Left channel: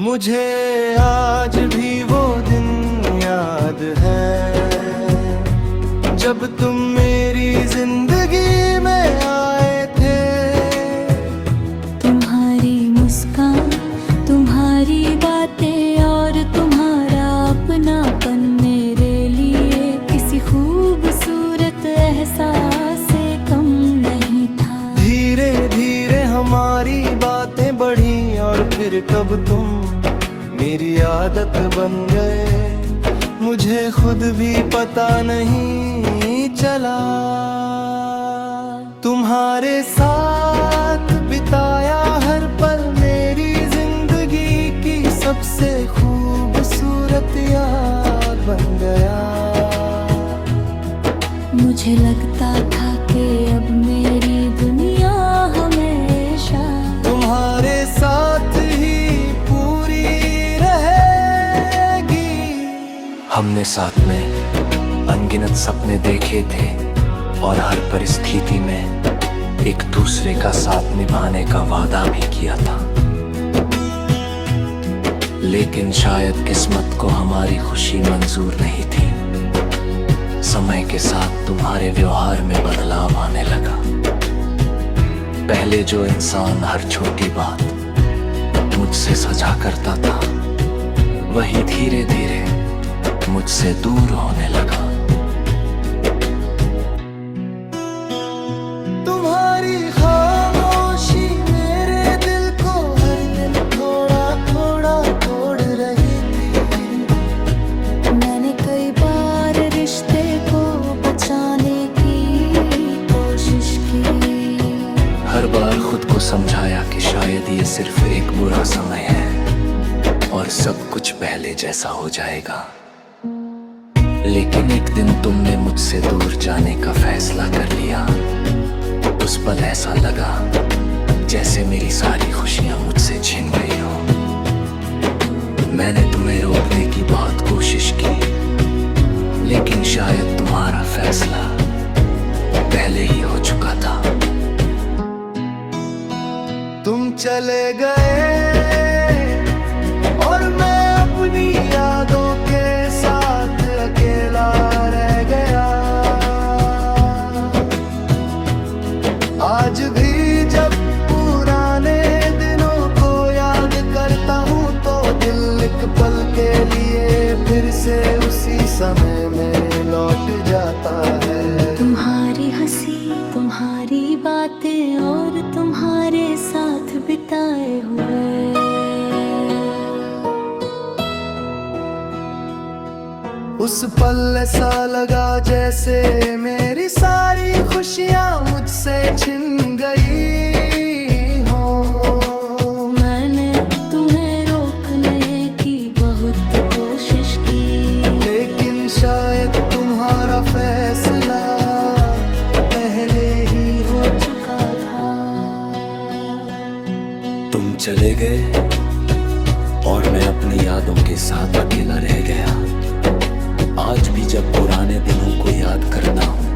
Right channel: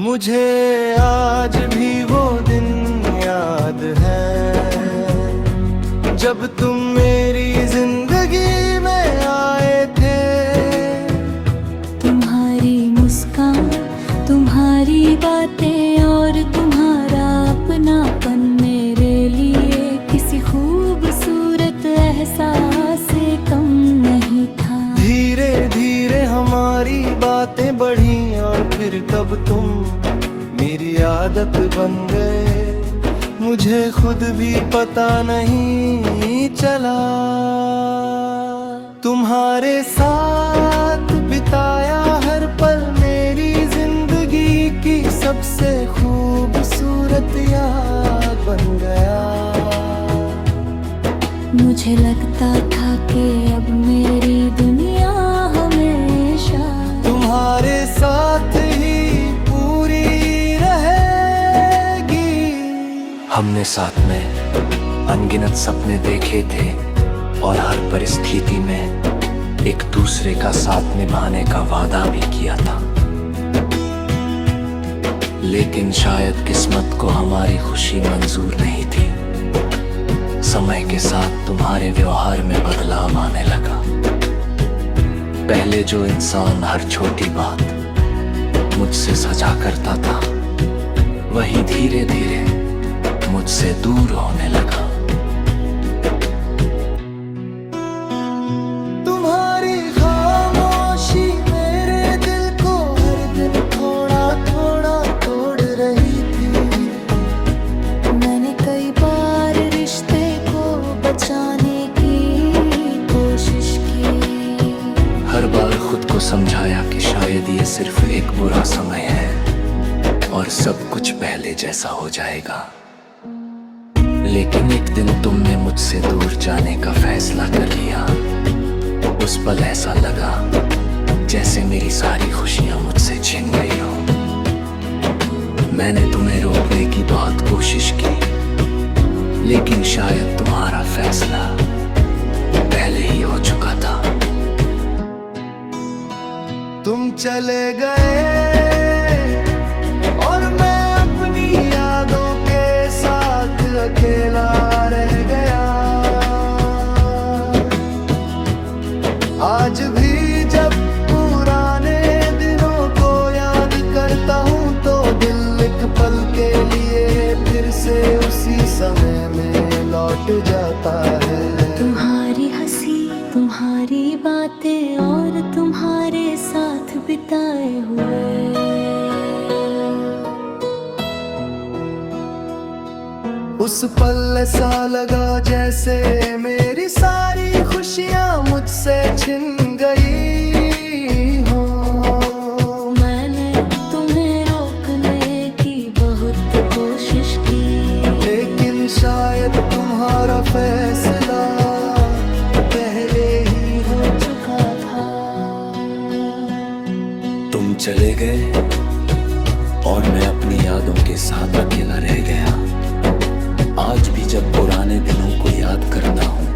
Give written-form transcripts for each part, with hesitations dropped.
मुझे आज भी वो दिन याद है जब तुम मेरी जिंदगी में आए थे। तुम्हारी मुस्कान, तुम्हारी बातें और तुम्हारा अपनापन मेरे लिए किसी खूबसूरत एहसास से कम नहीं था। धीरे धीरे हमारी बातें बढ़ी और फिर कब तुम मेरी आदत बन गए, मुझे खुद भी पता नहीं चला। तुम्हारे साथ बिताया हर पल मेरी जिंदगी की सबसे खूबसूरत याद बन गया। मुझे लगता था कि अब मेरी दुनिया हमेशा तुम्हारे साथ ही पूरी रहेगी। हमने साथ में अनगिनत सपने देखे थे और हर परिस्थिति में एक दूसरे का साथ निभाने का वादा भी किया था। लेकिन शायद किस्मत को हमारी खुशी मंजूर नहीं थी। समय के साथ तुम्हारे व्यवहार में बदलाव आने लगा। पहले जो इंसान हर छोटी बात मुझसे सजा करता था, वही धीरे धीरे मुझसे दूर होने लगा। तुम्हारी खामोशी मेरे दिल को हर दिन थोड़ा थोड़ा तोड़ रही थी। मैंने कई बार रिश्ते को बचाने की कोशिश की। हर बार खुद को समझाया कि शायद ये सिर्फ एक बुरा समय है और सब कुछ पहले जैसा हो जाएगा। लेकिन एक दिन तुमने मुझसे दूर जाने का फैसला कर लिया। उस पल ऐसा लगा जैसे मेरी सारी खुशियां मुझसे छिन गई हो। मैंने तुम्हें रोकने की बहुत कोशिश की, लेकिन शायद तुम्हारा फैसला पहले ही हो चुका था। तुम चले गए और मैं अपनी यादों के साथ अकेला रह गया। आज भी जब पुराने दिनों को याद करता हूँ तो दिल एक पल के लिए फिर से उसी समय में लौट जाता है। तुम्हारी हंसी, तुम्हारी बातें और तुम्हारे साथ बिताए हुए उस पल ऐसा लगा जैसे मेरी सारी खुशियां मुझसे छिन गई हो। मैंने तुम्हें रोकने की बहुत कोशिश की, लेकिन शायद तुम्हारा फैसला पहले ही हो चुका था। तुम चले गए और मैं अपनी यादों के साथ अकेला रह गया। आज भी जब पुराने दिनों को याद करता हूँ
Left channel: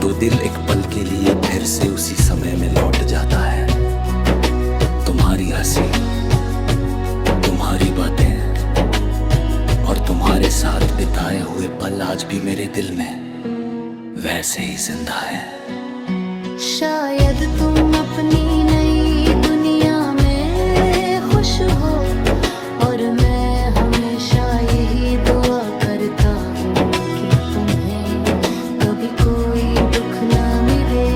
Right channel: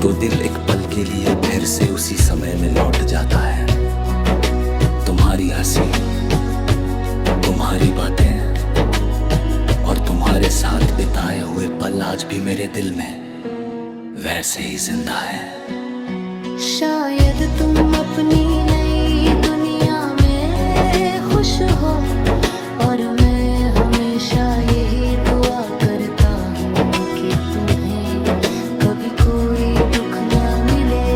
तो दिल एक पल के लिए फिर से उसी समय में लौट जाता है। तुम्हारी हंसी, तुम्हारी बातें और तुम्हारे साथ बिताए हुए पल आज भी मेरे दिल में वैसे ही जिंदा है। शायद तुम अपनी नई दुनिया में खुश हो और मैं हमेशा यही दुआ करता हूँ कि तुम्हें कभी कोई दुख ना मिले।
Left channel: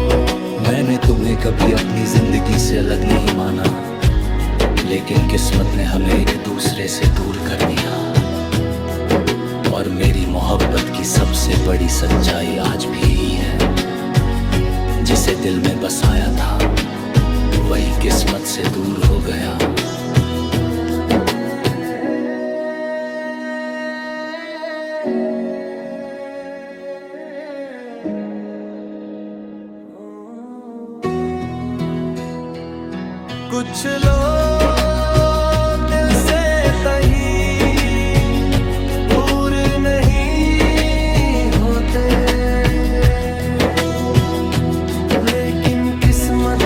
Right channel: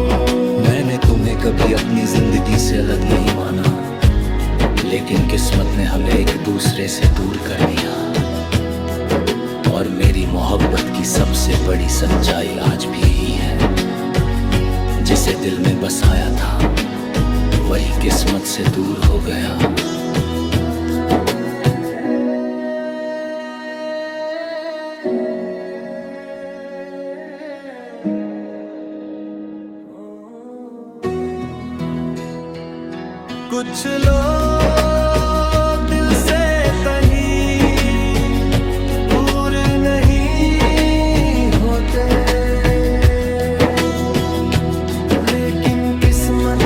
मैंने तुम्हें कभी अपनी जिंदगी से अलग नहीं माना, लेकिन किस्मत ने हमें एक दूसरे से दूर कर दिया। और मेरी मोहब्बत की सबसे बड़ी सच्चाई आज भी यही है, जिसे दिल में बसाया था वही किस्मत से दूर हो गया। कुछ लोग दिल से तही दूर नहीं होते, किस्मत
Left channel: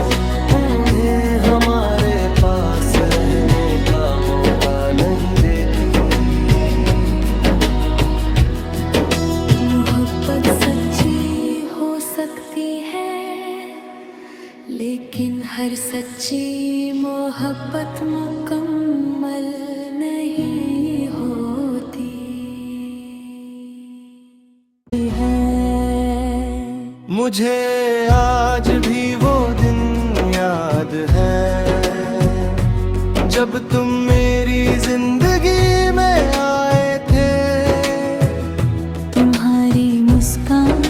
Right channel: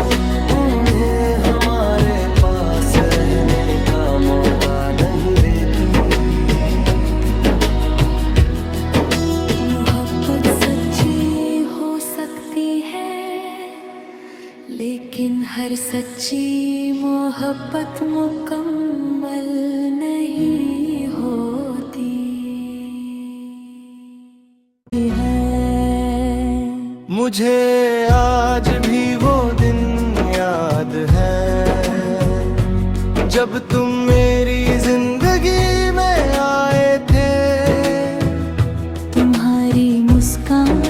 उन्हें हमारे पास रहने का मौका लेकिन हर सच्ची मोहब्बत मुकम्मल नहीं होती है। मुझे आज भी वो दिन याद है जब तुम मेरी जिंदगी में आए थे। तुम्हारी मुस्कान,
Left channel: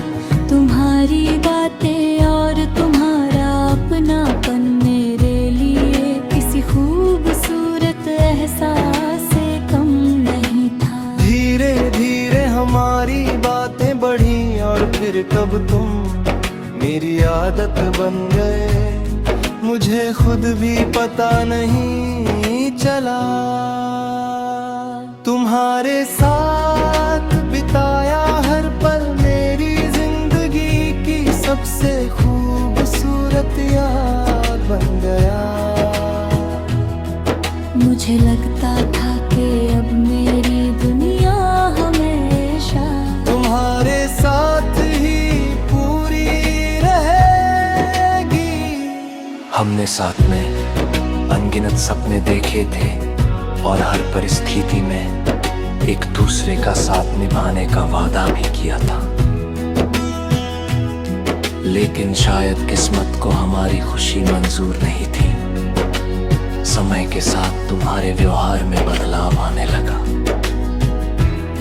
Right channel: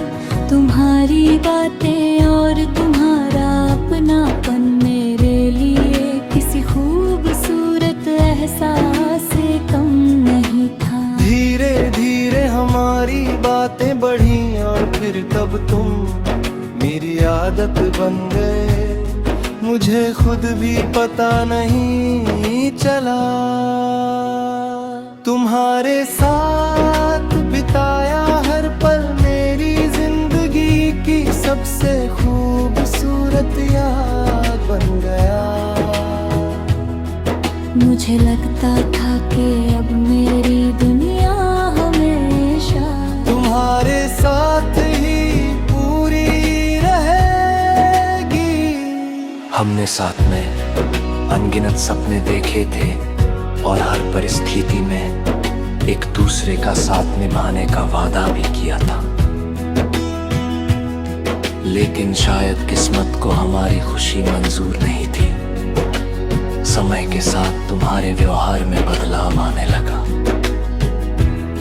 तुम्हारी बातें और तुम्हारा अपनापन मेरे लिए किसी खूबसूरत एहसास से कम नहीं था। धीरे धीरे हमारी बातें बढ़ी और फिर तब तुम मेरी आदत बन गए। मुझे खुद भी पता नहीं चला। तुम्हारे साथ बिताया हर पल मेरी जिंदगी की सबसे खूबसूरत याद बन गया। मुझे लगता था कि अब मेरी दुनिया हमेशा तुम्हारे साथ ही पूरी रहेगी। हमने साथ में अनगिनत सपने देखे थे और हर परिस्थिति में एक दूसरे का साथ निभाने का वादा भी किया था। लेकिन शायद किस्मत को हमारी खुशी मंजूर नहीं थी। समय के साथ तुम्हारे व्यवहार में बदलाव आने लगा।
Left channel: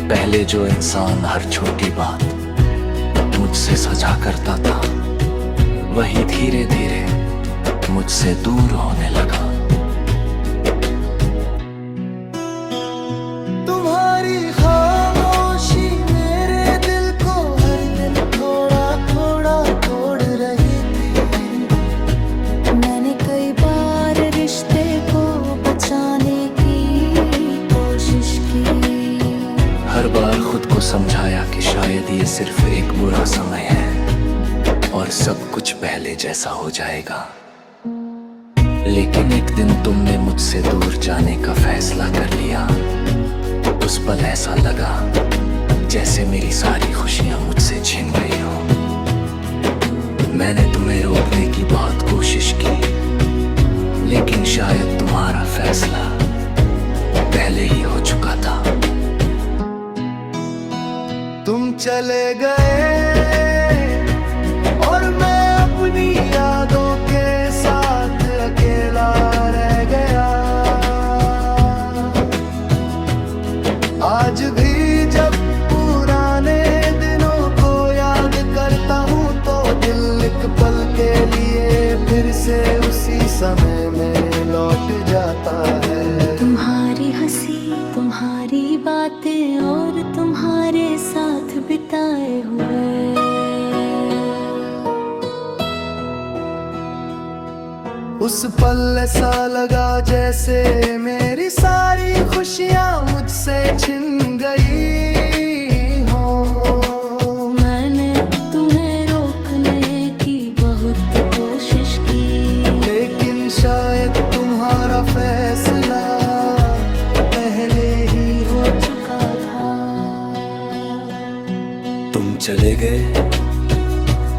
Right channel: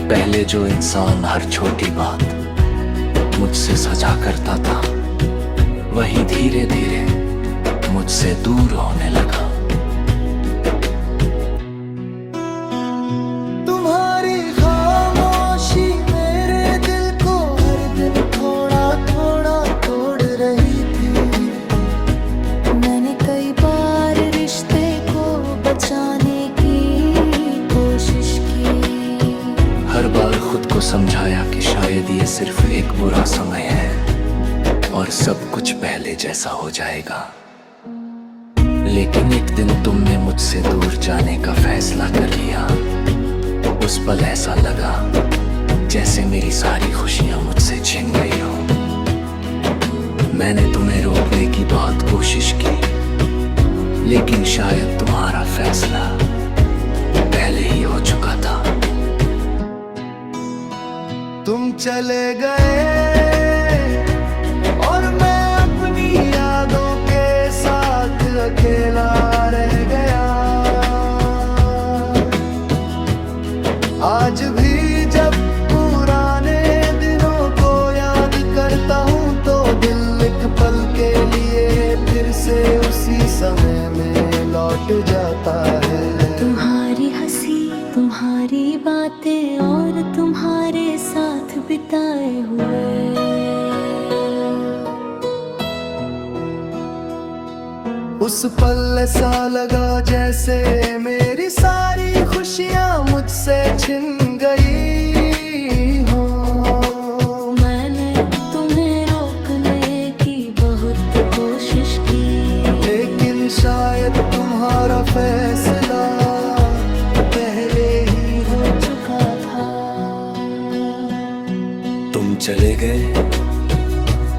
पहले जो इंसान हर छोटी बात मुझसे सजा करता था, वही धीरे धीरे मुझसे दूर होने लगा। तुम्हारी खामोशी मेरे दिल को हर दिन थोड़ा थोड़ा तोड़ रही थी। मैंने कई बार रिश्ते को बचाने की कोशिश की। हर बार खुद को समझाया कि शायद ये सिर्फ एक बुरा समय है और सब कुछ पहले जैसा हो जाएगा। लेकिन एक दिन तुमने मुझसे दूर जाने का फैसला कर लिया। उस पल ऐसा लगा जैसे मेरी सारी खुशियां मुझसे छिन गई हो। मैंने तुम्हें रोकने की बहुत कोशिश की, लेकिन शायद तुम्हारा फैसला पहले ही हो चुका था। तुम चले गए और मैं अपनी यादों के साथ अकेला रह गया। आज भी जब पुराने दिनों को याद करता हूँ तो दिल एक पल के लिए फिर से उसी समय में लौट जाता है। तुम्हारी हंसी, तुम्हारी बातें और तुम्हारे साथ बिताए हुए उस पल ऐसा लगा जैसे मेरी सारी खुशियाँ मुझसे छिन गई हो। मैंने तुम्हें रोकने की बहुत कोशिश की, लेकिन शायद तुम्हारा फैसला पहले ही हो चुका था। तुम चले गए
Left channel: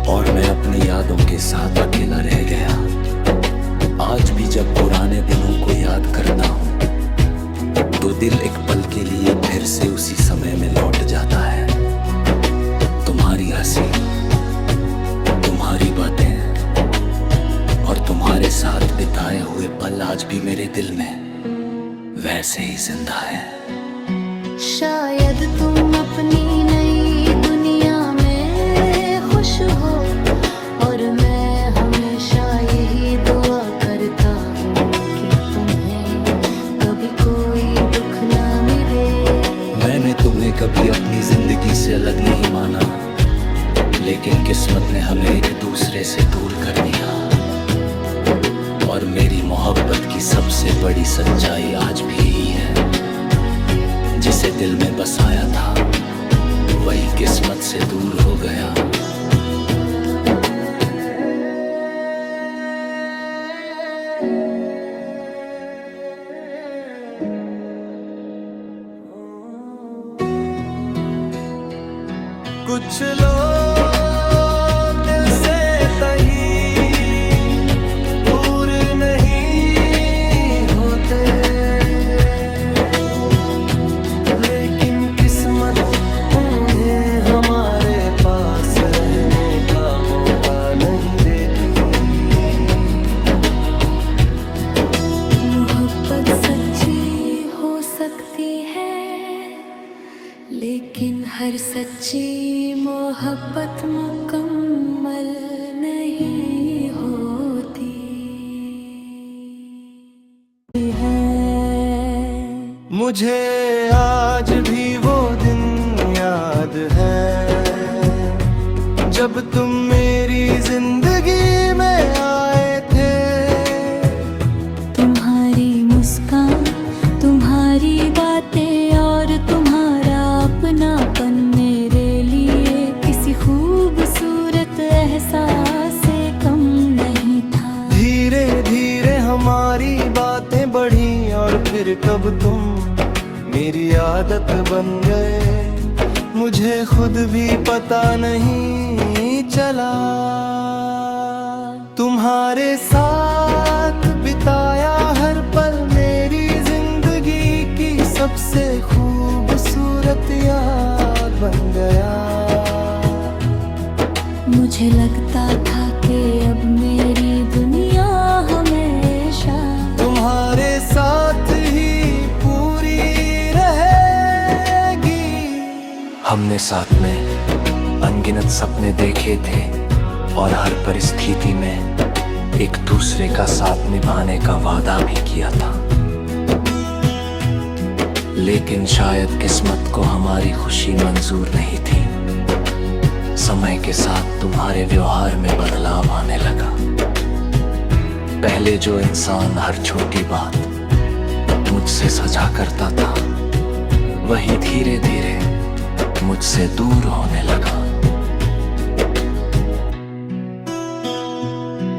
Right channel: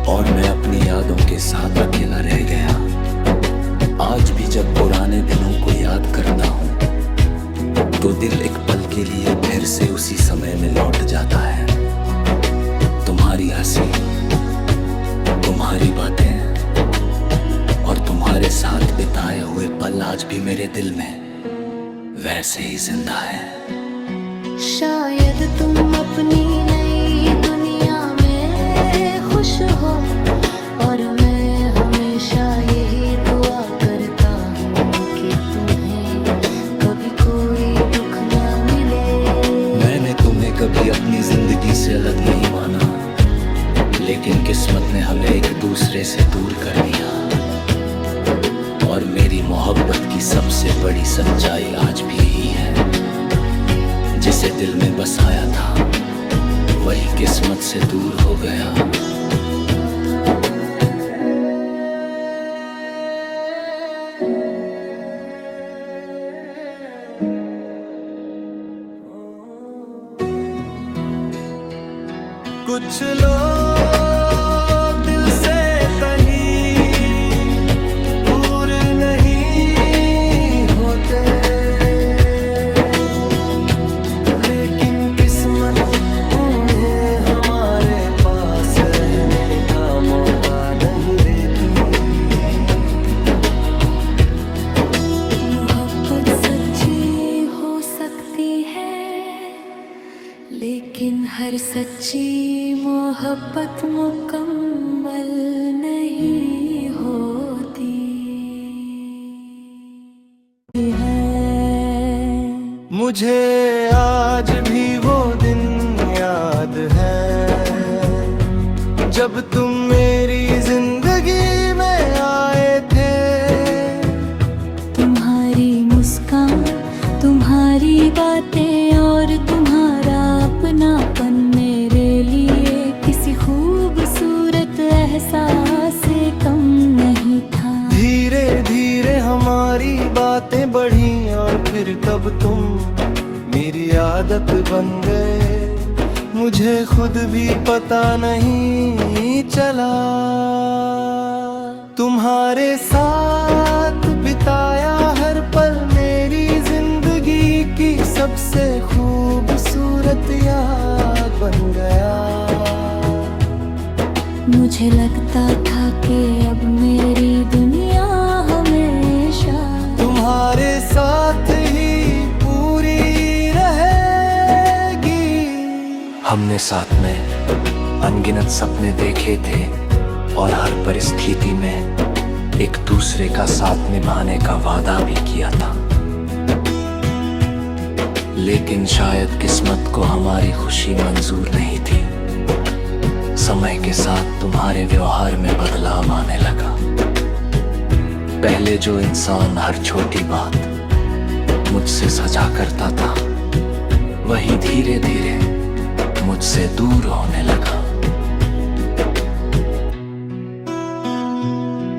और मैं अपनी यादों के साथ अकेला रह गया। आज भी जब पुराने दिनों को याद करता हूँ तो दिल एक पल के लिए फिर से उसी समय में लौट जाता है। तुम्हारी हंसी, तुम्हारी बातें और तुम्हारे साथ बिताए हुए पल आज भी मेरे दिल में वैसे ही जिंदा है। शायद तुम अपनी नई दुनिया में खुश हो और मैं हमेशा यही दुआ करता हूँ कि तुम्हें कभी कोई दुख ना मिले। मैंने तुम्हें कभी अपनी जिंदगी से अलग नहीं माना, लेकिन किस्मत ने हमें एक दूसरे से दूर कर दिया। और मेरी मोहब्बत की सबसे बड़ी सच्चाई आज भी यही है, जिसे दिल में बसाया था वही किस्मत से दूर हो गया। कुछ लोग दिल से तही किस्मत उन्हें हमारे पास रहने का मौका नहीं देती। मोहब्बत सच्ची हो सकती है, लेकिन हर सच्ची मोहब्बत मुकम्मल नहीं होती है। मुझे आज भी वो दिन याद है जब तुम मेरी जिंदगी में आए थे। तुम्हारी मुस्कान, तुम्हारी बातें और तुम्हारा अपनापन मेरे लिए किसी खूबसूरत एहसास से कम नहीं था। धीरे धीरे हमारी बातें बढ़ी और फिर कब तुम मेरी आदत बन गए। मुझे खुद भी पता नहीं चला। तुम्हारे साथ बिताया हर पल मेरी जिंदगी की सबसे खूबसूरत याद बन गया। मुझे लगता था कि अब मेरी दुनिया हमेशा तुम्हारे साथ ही पूरी रहेगी। हमने साथ में अनगिनत सपने देखे थे और हर परिस्थिति में एक दूसरे का साथ निभाने का वादा भी किया था। लेकिन शायद किस्मत को हमारी खुशी मंजूर नहीं थी। समय के साथ तुम्हारे व्यवहार में बदलाव आने लगा। पहले जो इंसान हर छोटी बात मुझसे सजा करता था, वही धीरे धीरे मुझसे दूर होने लगा।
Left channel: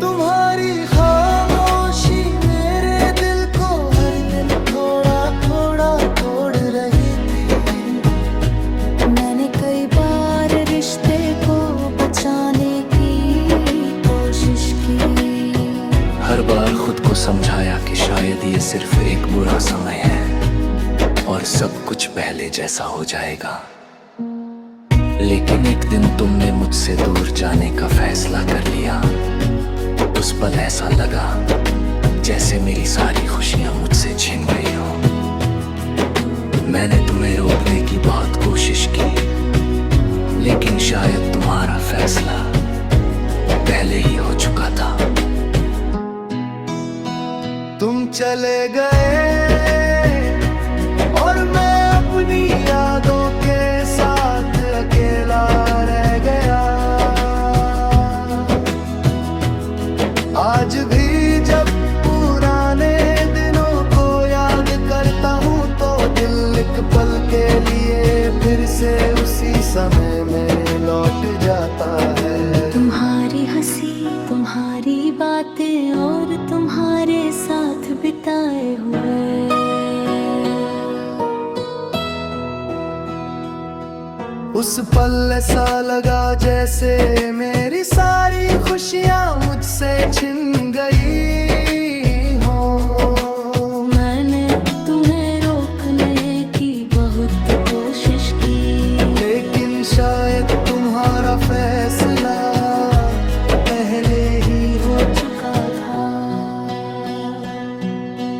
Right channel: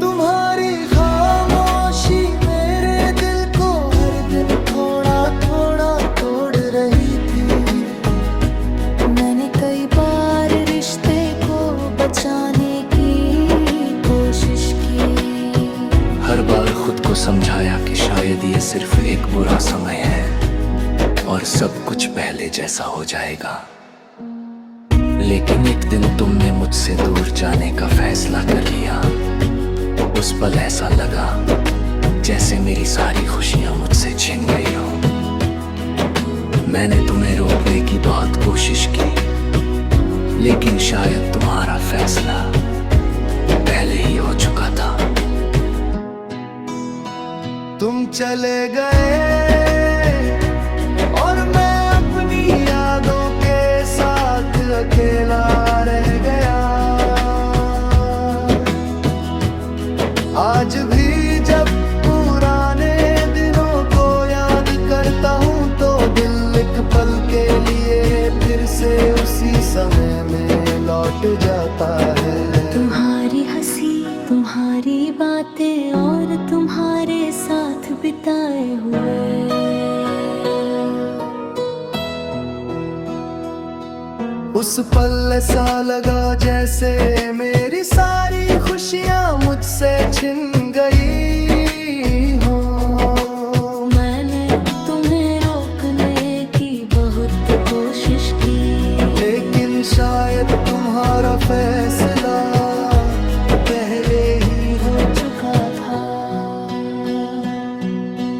तुम्हारी खामोशी मेरे दिल को हर दिन थोड़ा थोड़ा तोड़ रही थी। मैंने कई बार रिश्ते को बचाने की कोशिश की। हर बार खुद को समझाया कि शायद ये सिर्फ एक बुरा समय है और सब कुछ पहले जैसा हो जाएगा। लेकिन एक दिन तुमने मुझसे दूर जाने का फैसला कर लिया। उस पल ऐसा लगा जैसे मेरी सारी खुशियां मुझसे छिन गई हो। मैंने तुम्हें रोकने की बहुत कोशिश की, लेकिन शायद तुम्हारा फैसला पहले ही हो चुका था। तुम चले गए और मैं अपनी यादों के साथ अकेला रह गया। आज भी जब पुराने दिनों को याद करता हूँ तो दिल एक पल के लिए फिर से उसी समय में लौट जाता है। तुम्हारी हंसी, तुम्हारी बातें और तुम्हारे साथ बिताए हुए उस पल ऐसा लगा जैसे मेरी सारी खुशियाँ मुझसे छिन गई हो। मैंने तुम्हें रोकने की बहुत कोशिश की, लेकिन शायद तुम्हारा फैसला पहले ही हो चुका था।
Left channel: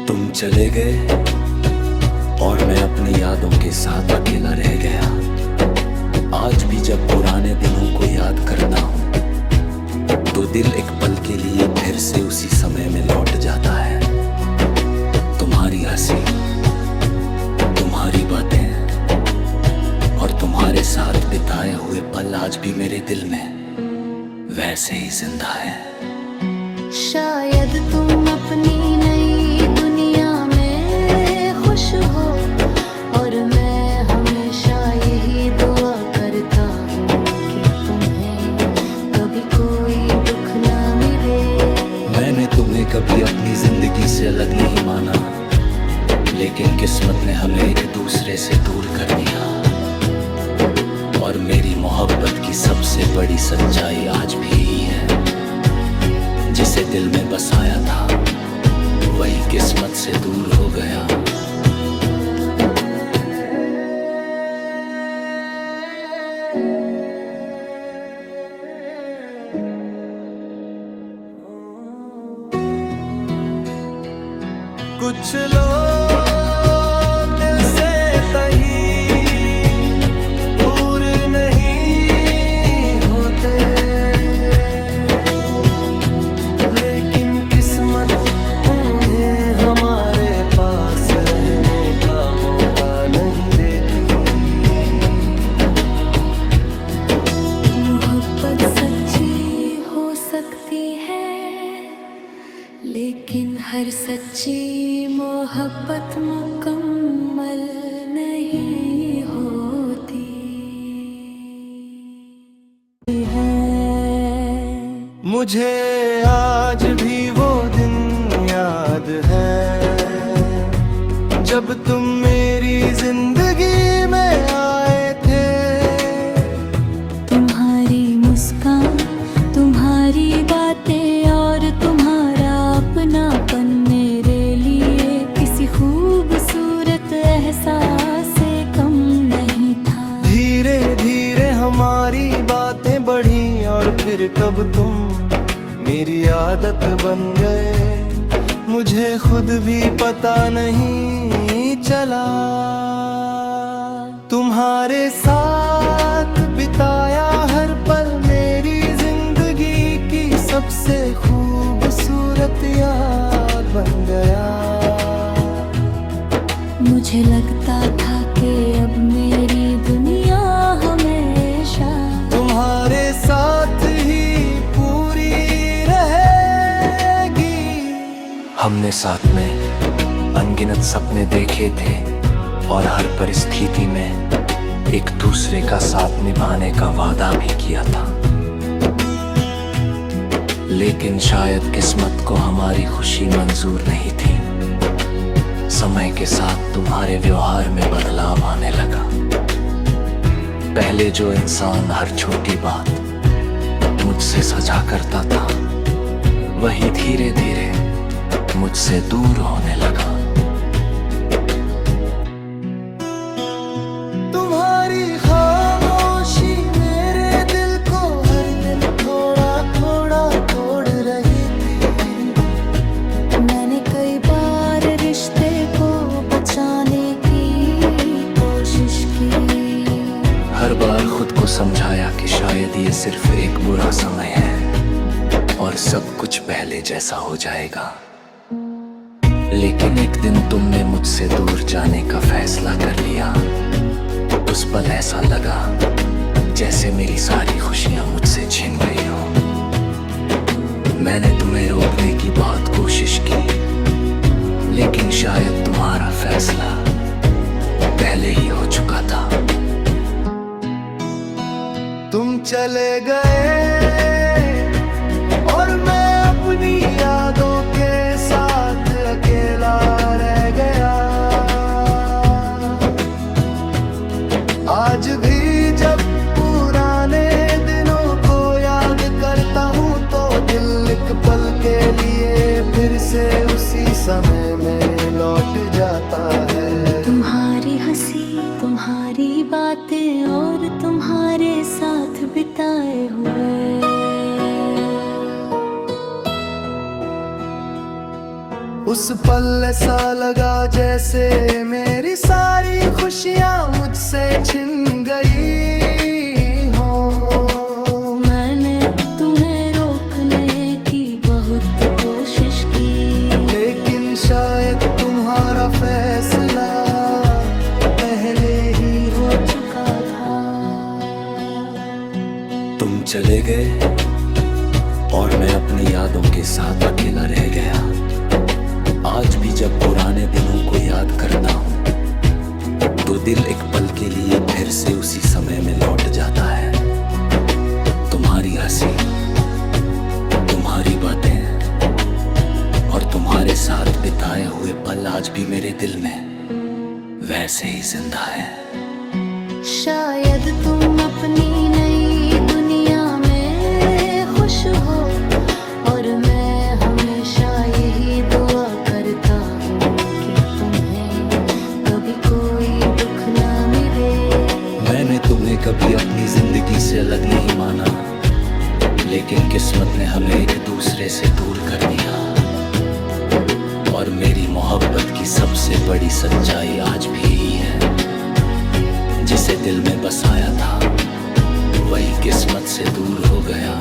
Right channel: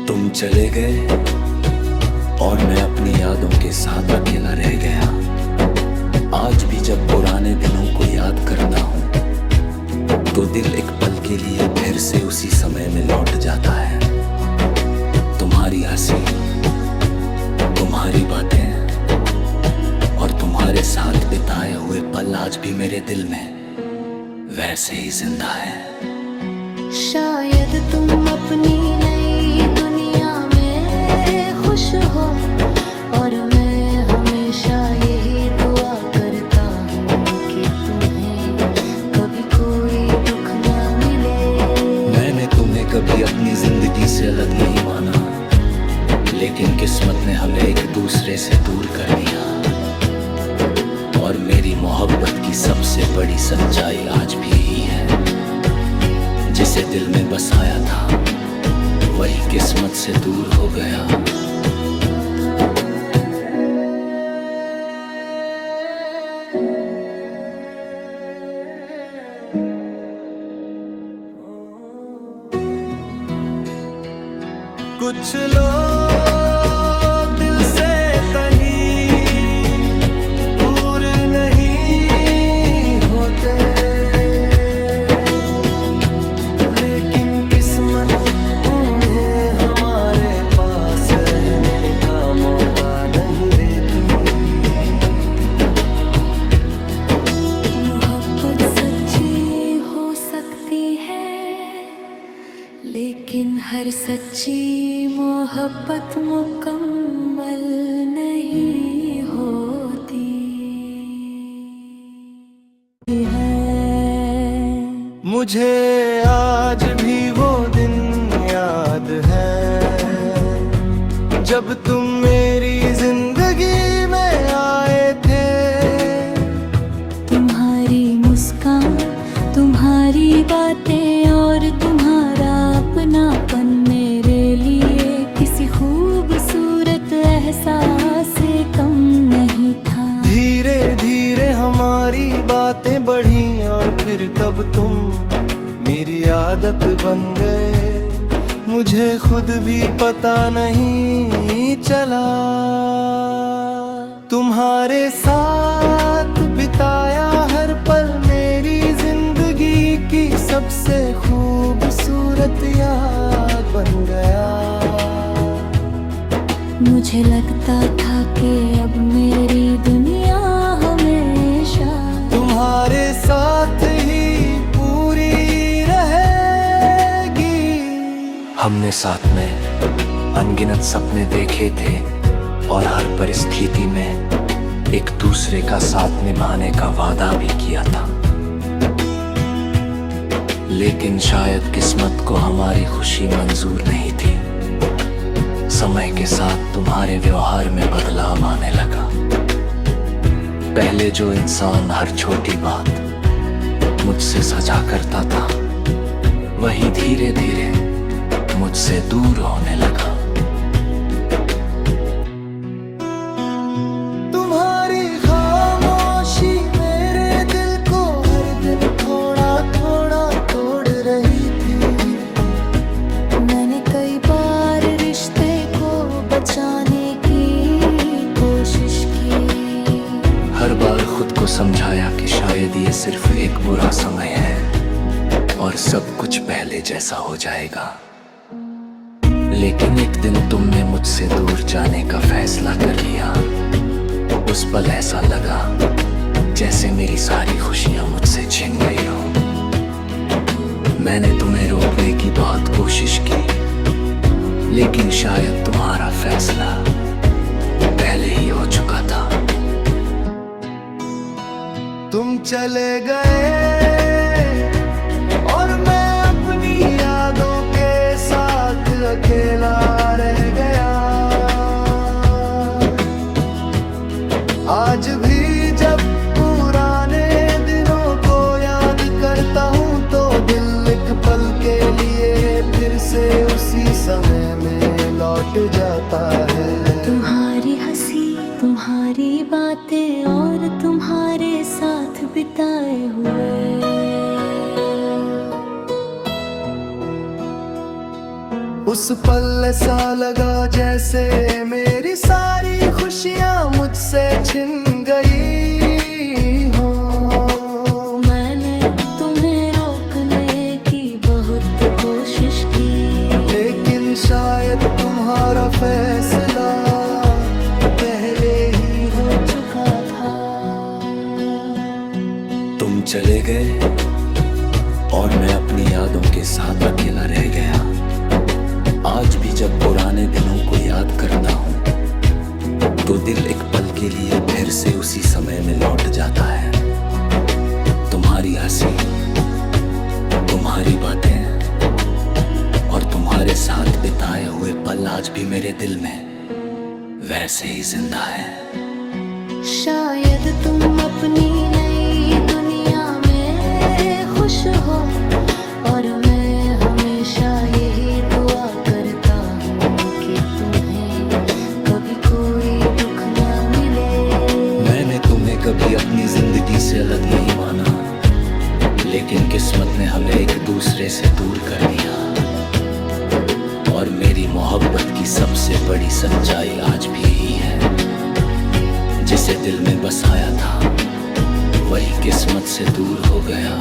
तुम चले गए और मैं अपनी यादों के साथ अकेला रह गया। आज भी जब पुराने दिनों को याद करता हूँ तो दिल एक पल के लिए फिर से उसी समय में लौट जाता है। तुम्हारी हंसी, तुम्हारी बातें और तुम्हारे साथ बिताए हुए पल आज भी मेरे दिल में वैसे ही जिंदा है। शायद तुम अपनी नई दुनिया में खुश हो और मैं हमेशा यही दुआ करता हूँ कि तुम्हें कभी कोई दुख ना मिले। मैंने तुम्हें कभी अपनी जिंदगी से अलग नहीं माना, लेकिन किस्मत ने हमें एक दूसरे से दूर कर दिया। और मेरी मोहब्बत की सबसे बड़ी सच्चाई आज भी यही है, जिसे दिल में बसाया था वही किस्मत से दूर हो गया। कुछ लोग दिल से तही दूर नहीं होते, लेकिन किस्मत उन्हें हमारे पास रहने का मौका नहीं देती। मोहब्बत सच्ची हो सकती है, लेकिन हर सच्ची मोहब्बत मुकम्मल नहीं होती है। मुझे आज भी वो दिन याद है जब तुम मेरी जिंदगी में आए थे। तुम्हारी मुस्कान, तुम्हारी बातें और तुम्हारा अपनापन मेरे लिए किसी खूबसूरत एहसास से कम नहीं था। धीरे धीरे हमारी बातें बढ़ी और फिर कब तुम मेरी आदत बन गए, मुझे खुद भी पता नहीं चला। तुम्हारे साथ बिताया हर पल मेरी जिंदगी की सबसे खूबसूरत याद बन गया। मुझे लगता था कि अब मेरी दुनिया हमेशा तुम्हारे साथ ही पूरी रहेगी। हमने साथ में अनगिनत सपने देखे थे और हर परिस्थिति में एक दूसरे का साथ निभाने का वादा भी किया था, लेकिन शायद किस्मत को हमारी खुशी मंजूर नहीं थी। समय के साथ तुम्हारे व्यवहार में बदलाव आने लगा। पहले जो इंसान हर छोटी बात मुझसे सजा करता था, वही धीरे धीरे मुझसे दूर होने लगा। तुम्हारी खामोशी मेरे दिल को हर दिन थोड़ा थोड़ा तोड़ रही थी। मैंने कई बार रिश्ते को बचाने की कोशिश की। हर बार खुद को समझाया कि शायद ये सिर्फ एक बुरा समय है और सब कुछ पहले जैसा हो जाएगा। लेकिन एक दिन तुमने मुझसे दूर जाने का फैसला कर लिया। उस पल ऐसा लगा जैसे मेरी सारी खुशियां मुझसे छिन गई हो। मैंने तुम्हें रोकने की बहुत कोशिश की, लेकिन शायद तुम्हारा फैसला पहले ही हो चुका था। तुम चले गए और मैं अपनी यादों के साथ अकेला रह गया। आज भी जब पुराने दिनों को याद करता हूँ तो दिल एक पल के लिए फिर से उसी समय में लौट जाता है। तुम्हारी हंसी, तुम्हारी बातें और तुम्हारे साथ बिताए हुए उस पल ऐसा लगा जैसे मेरी सारी खुशियाँ मुझसे छिन गई हो। मैंने तुम्हें रोकने की बहुत कोशिश की, लेकिन शायद तुम्हारा फैसला पहले ही हो चुका था। तुम चले गए और मैं अपनी यादों के साथ अकेला रह गया। आज भी जब पुराने दिनों को याद करता हूँ तो दिल एक पल के लिए फिर से उसी समय में लौट जाता है। तुम्हारी हंसी, तुम्हारी बातें और तुम्हारे साथ बिताए हुए पल आज भी मेरे दिल में वैसे ही जिंदा है। शायद तुम अपनी नई दुनिया में खुश हो और मैं हमेशा यही दुआ करता हूँ कि तुम्हें कभी कोई दुख ना मिले। मैंने तुम्हें कभी अपनी जिंदगी से अलग नहीं माना, लेकिन किस्मत ने हमें एक दूसरे से दूर कर दिया और मेरी मोहब्बत की सबसे बड़ी सच्चाई आज भी यही है, जिसे दिल में बसाया था वही किस्मत से दूर हो गया।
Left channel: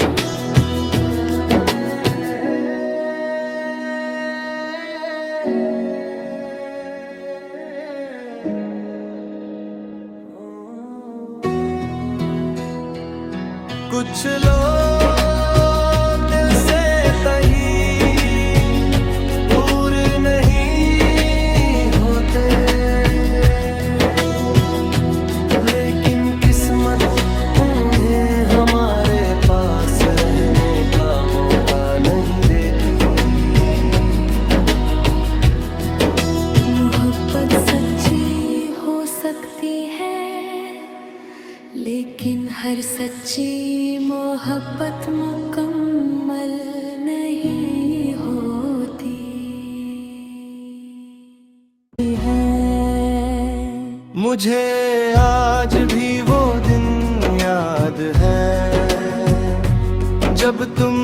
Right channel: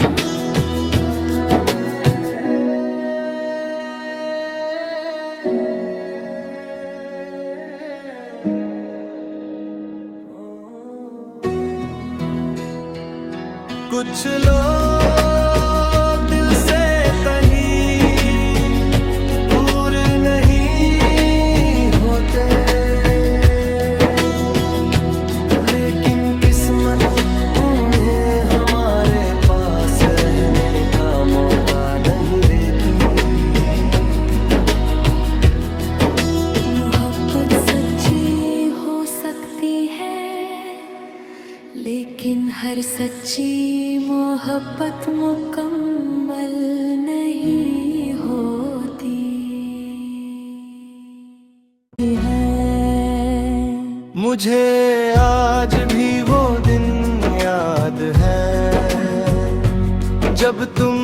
कुछ लोग दिल से तही दूर नहीं होते, लेकिन किस्मत उन्हें हमारे पास रहने का मौका नहीं देती। मोहब्बत सच्ची हो सकती है, लेकिन हर सच्ची मोहब्बत मुकम्मल नहीं होती है। मुझे आज भी वो दिन याद है जब तुम